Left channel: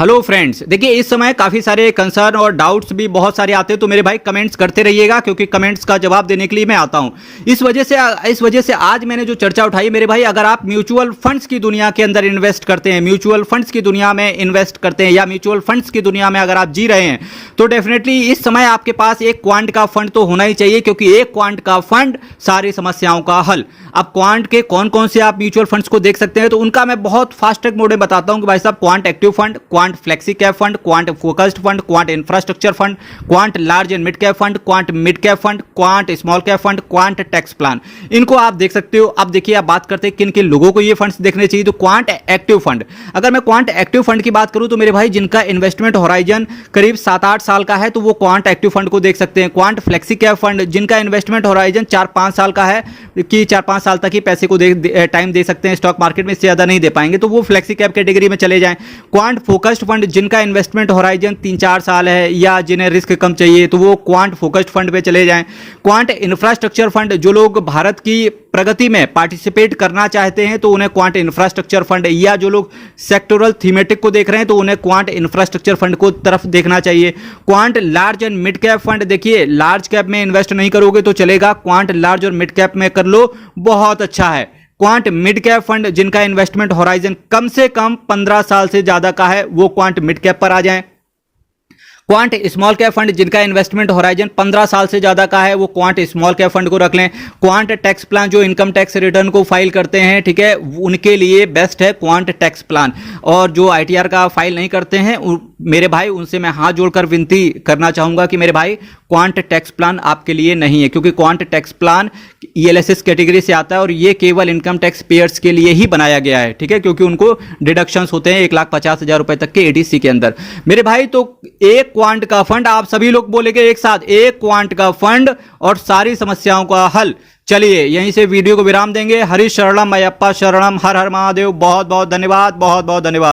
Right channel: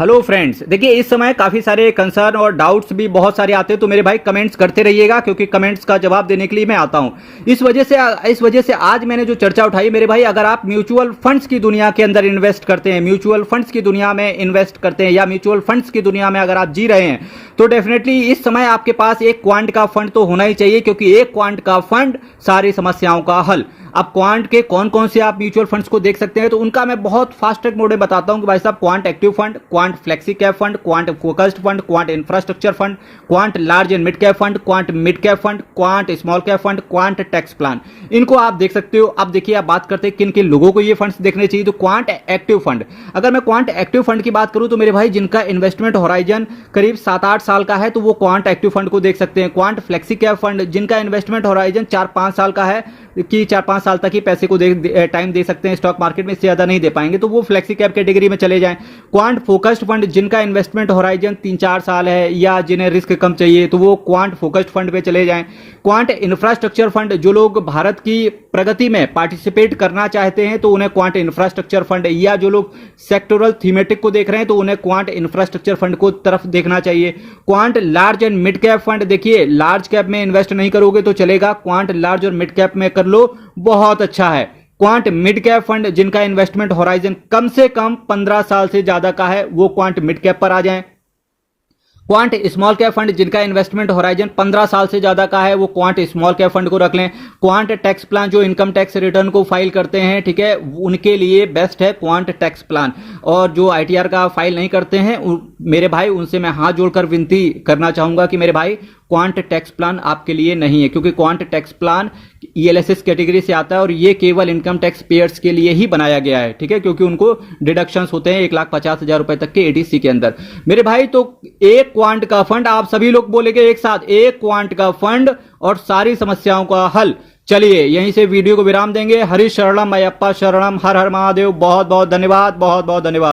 Hello friends, देखिए इस समय काफ़ी सारे कंसर्न और डाउट्स भी बहुत सारे आते हैं, तो मेरे भाई कमेंट्स करते रहिएगा क्योंकि कमेंट्स का जवाब देने के लिए मैं आता हूं। इस वजह से आज मैंने जो चर्चा उठाई मेरे भाई, अगर आप म्यूचुअल फंड्स की दुनिया के अंदर इन्वेस्ट करते हैं, म्यूचुअल फंड्स की दुनिया में इन्वेस्ट करते हैं या म्यूचुअल फंड्स की दुनिया में अगर आप जी रहे हैं तो डेफिनेटली इस समय आपके पास एक क्वांट का फंड तो होना ही चाहिए, क्योंकि एक क्वांट का फंड सारी समस्याओं का हल। अब क्वांट के कौन कौन से आप म्यूचुअल फंड्स को देख सकते हैं, तो उनका मैं बहुत फास्ट ट्रैक मोड में बताता हूं कि भाई साहब, quant active fund, quant flexi cap fund, quant focused fund, quant infrastructure fund, quant large and mid cap fund, quant mid cap fund, quant small cap fund, quant tax plan, इनको आप देख सकते हो। अब देखिए, आप बात करते हैं किन किन लोगों को ये फंड्स देखने चाहिए, तो क्वांट एक्टिव फंड। अगर मैं क्वांट एक्टिव फंड की बात करूं तो मेरे भाई, जिनका इन्वेस्टमेंट होराइजन करीब 7-8 साल का है तो वो क्वांट एक्टिव फंड को देख सकते हैं। क्वांट फ्लेक्सी कैप फंड, जिनका इन्वेस्टमेंट होराइजन 4-5 साल का है कि 4-5 साल तक ही पैसे को टाइम दे सकते हैं स्टॉक मार्केट में, इससे ज्यादा नहीं दे पाएंगे, तो वो फ्लेक्सी कैप कैटेगरी में चले जाएं। क्वांट फोकस्ड फंड, जिनका इन्वेस्टमेंट होराइजन 3-4 साल है या जिन्हें रिस्क कम चाहिए तो वो क्वांट फोकस्ड फंड पे चले जाएं। क्वांट इंफ्रास्ट्रक्चर फंड, जो लोग भारत की प्रगति में पार्टिसिपेट करना चाहते हैं तो उन्हें क्वांट इंफ्रास्ट्रक्चर फंड, या जो लोग सेक्टोरल थीमेटिक को देख रहे हैं तो उन्हें क्वांट इंफ्रास्ट्रक्चर फंड को तरफ देखना चाहिए। Quant large and mid cap fund, देखिए लार्ज कैप में इन्वेस्ट नहीं करोगे तो चलेगा, क्वांट लार्ज और मिड कैप में कर लो, बहुत अच्छा है। क्वांट मिड कैप फंड, जिनका इन्वेस्टमेंट होराइजन कम से कम 15 साल से ज्यादा का है, वो क्वांट मिड कैप पर आ जाएं। क्वांट स्मॉल कैप फंड, जिनका इन्वेस्टमेंट होराइजन 15 साल से ज्यादा का है, वो क्वांट स्मॉल कैप फंड को रख लें। क्वांट टैक्स प्लान, जो इनकम टैक्स रिटर्न को फाइल करते हैं, ठीक है, उनके लिए बेस्ट है क्वांट टैक्स प्लान। और जो आईटीआर का फाइल नहीं करते हैं मेरे भाई, उनसे मैं हाथ जोड़कर विनती करना चाहूंगा कि मेरे भाई, क्वांट टैक्स प्लान आपके लिए नहीं है, क्योंकि quant tax plan ELSS category से आता है और ये केवल इनकम टैक्स पेयर्स के लिए ही बनाया गया है, ठीक है, क्योंकि उनको डिडक्शंस होते हैं 1,50,000 रुपए तक के एडीसी के अंदर। मेरे भाई, तो एक क्वांट का फंड, आप सभी लोग बोलेंगे एक साथ, एक क्वांट का फंड और सारी समस्याओं का हल। चलिए यहीं से वीडियो को विराम देंगे। हरि शरणम अयप्पा शरणम, हर हर महादेव। बहुत बहुत धन्यवाद, बहुत बहुत धन्यवाद।